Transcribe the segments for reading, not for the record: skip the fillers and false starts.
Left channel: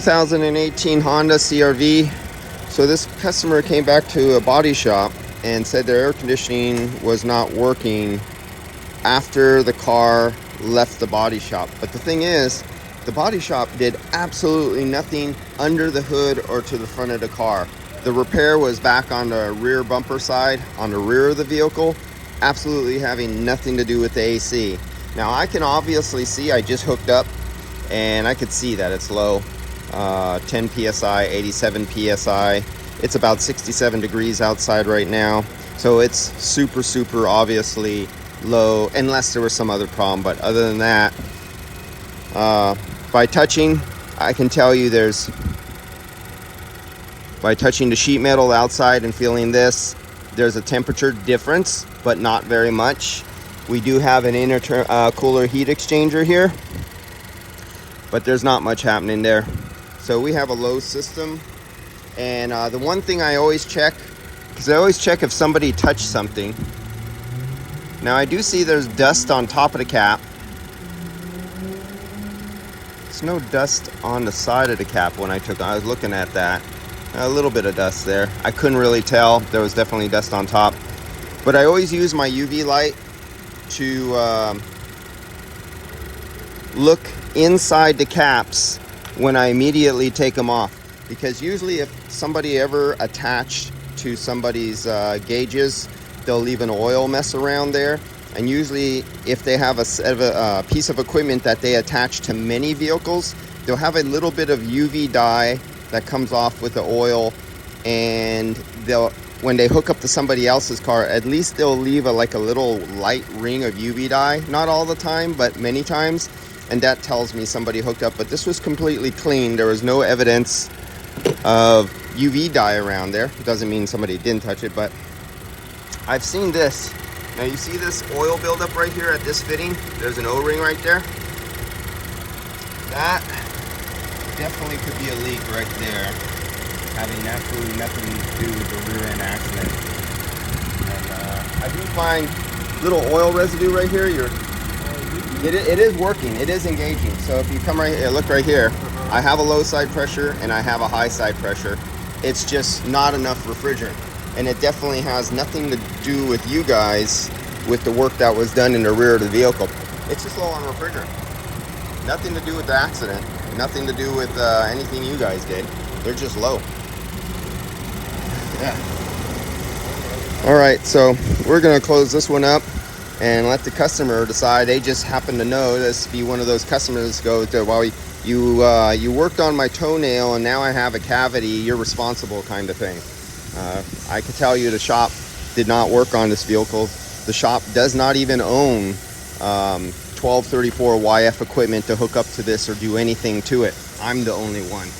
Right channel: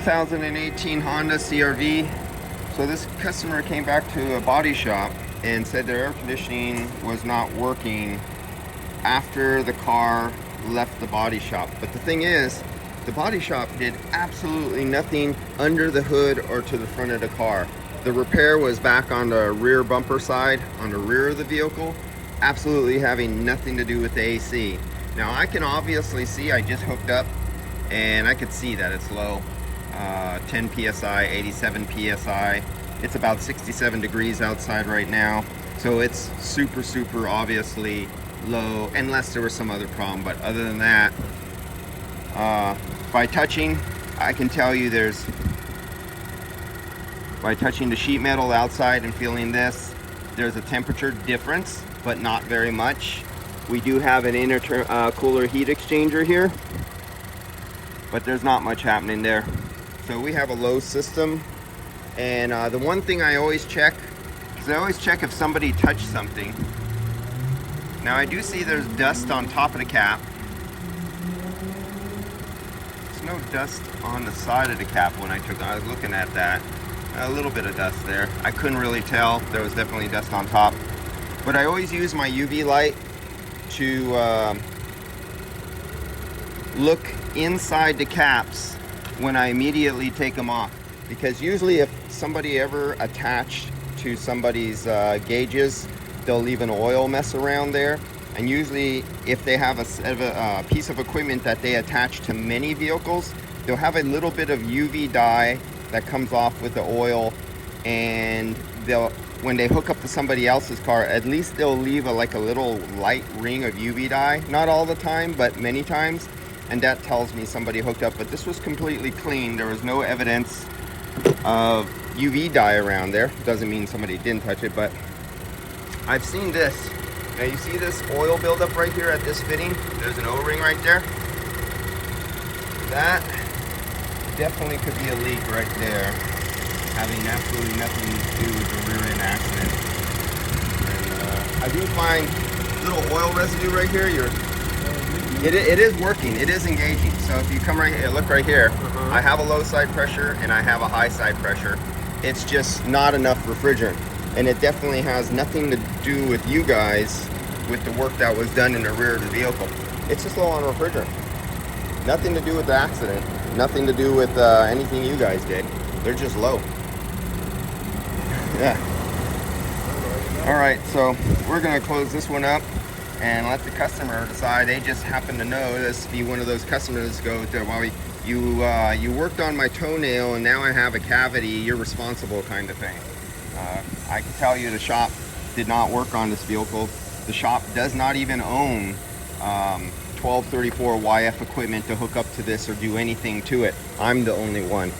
2018 Honda CR-V. So this customer came back to a body shop and said their air conditioning was not working after the car left the body shop. But the thing is, the body shop did absolutely nothing under the hood or to the front of the car. The repair was back on the rear bumper side, on the rear of the vehicle, absolutely having nothing to do with the AC. Now I can obviously see, I just hooked up and I could see that it's low. 10 psi, 87 psi. It's about 67 degrees outside right now, so it's super obviously low, unless there was some other problem. But other than that, by touching, I can tell you by touching the sheet metal outside and feeling this, there's a temperature difference, but not very much. We do have an intercooler heat exchanger here, but there's not much happening there. So we have a low system. And the one thing I always check, because I always check if somebody touched something. Now I do see there's dust on top of the cap. There's no dust on the side of the cap when I was looking at that. A little bit of dust there. I couldn't really tell. There was definitely dust on top. But I always use my UV light to look inside the caps when I immediately take them off. Because usually if somebody ever attached to somebody's gauges, they'll leave an oil mess around there. And usually if they have a piece of equipment that they attach to many vehicles, they'll have a little bit of UV dye that comes off with the oil, and when they hook up to somebody else's car, at least they'll leave a little light ring of UV dye. Not all the time, but many times. And that tells me somebody hooked up. But this was completely clean. There was no evidence of UV dye around there. Doesn't mean somebody didn't touch it, but I've seen this. Now you see this oil buildup right here at this fitting? There's an O-ring right there. That definitely could be a leak right there, having absolutely nothing to do with the rear end accident. And I do find little oil residue right here. It is working, it is engaging. So if you come right here, look right here, I have a low side pressure and I have a high side pressure. It's just not enough refrigerant. And it definitely has nothing to do with you guys, with the work that was done in the rear of the vehicle. It's just low on refrigerant. Nothing to do with the accident. Nothing to do with anything you guys did. They're just low. Yeah. All right, so we're gonna close this one up and let the customer decide. They just happen to know this, be one of those customers go to, well, you worked on my toenail and now I have a cavity, you're responsible kind of thing. I can tell you the shop did not work on this vehicle. The shop does not even own 1234 YF equipment to hook up to this or do anything to it. I'm the only one.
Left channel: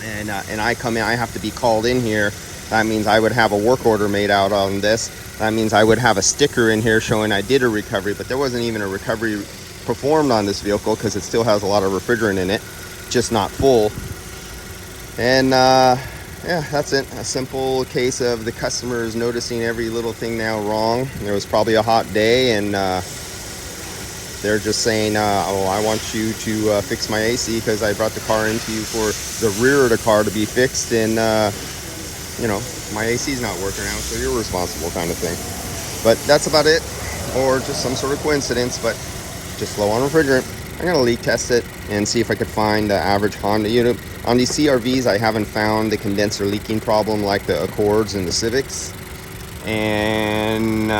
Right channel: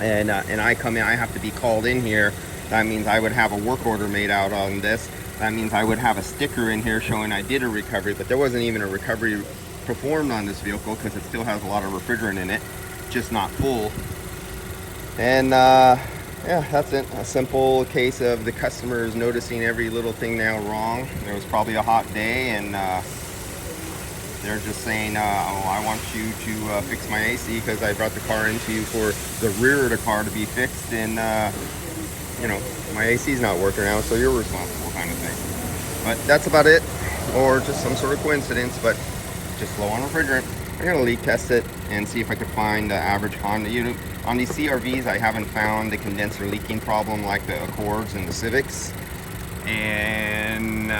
And I come in, I have to be called in here. That means I would have a work order made out on this. That means I would have a sticker in here showing I did a recovery, but there wasn't even a recovery performed on this vehicle because it still has a lot of refrigerant in it, just not full. And yeah, that's it. A simple case of the customers noticing every little thing now wrong. It was probably a hot day, and they're just saying, oh, I want you to fix my AC because I brought the car into you for the rear of the car to be fixed, and you know, my AC is not working out, so you're responsible kind of thing. But that's about it, or just some sort of coincidence, but just low on refrigerant. I'm gonna leak test it and see if I could find the average Honda unit. On these CR-Vs, I haven't found the condenser leaking problem like the Accords and the Civics. And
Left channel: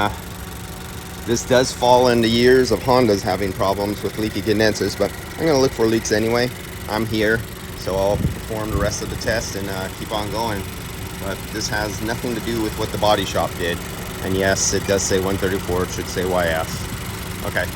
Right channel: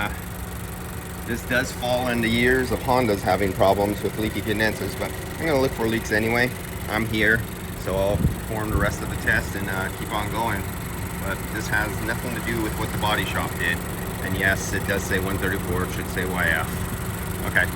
this does fall into years of Hondas having problems with leaky condensers, but I'm gonna look for leaks anyway. I'm here, so I'll perform the rest of the test and keep on going. But this has nothing to do with what the body shop did. And yes, it does say 134, it should say YF. Okay.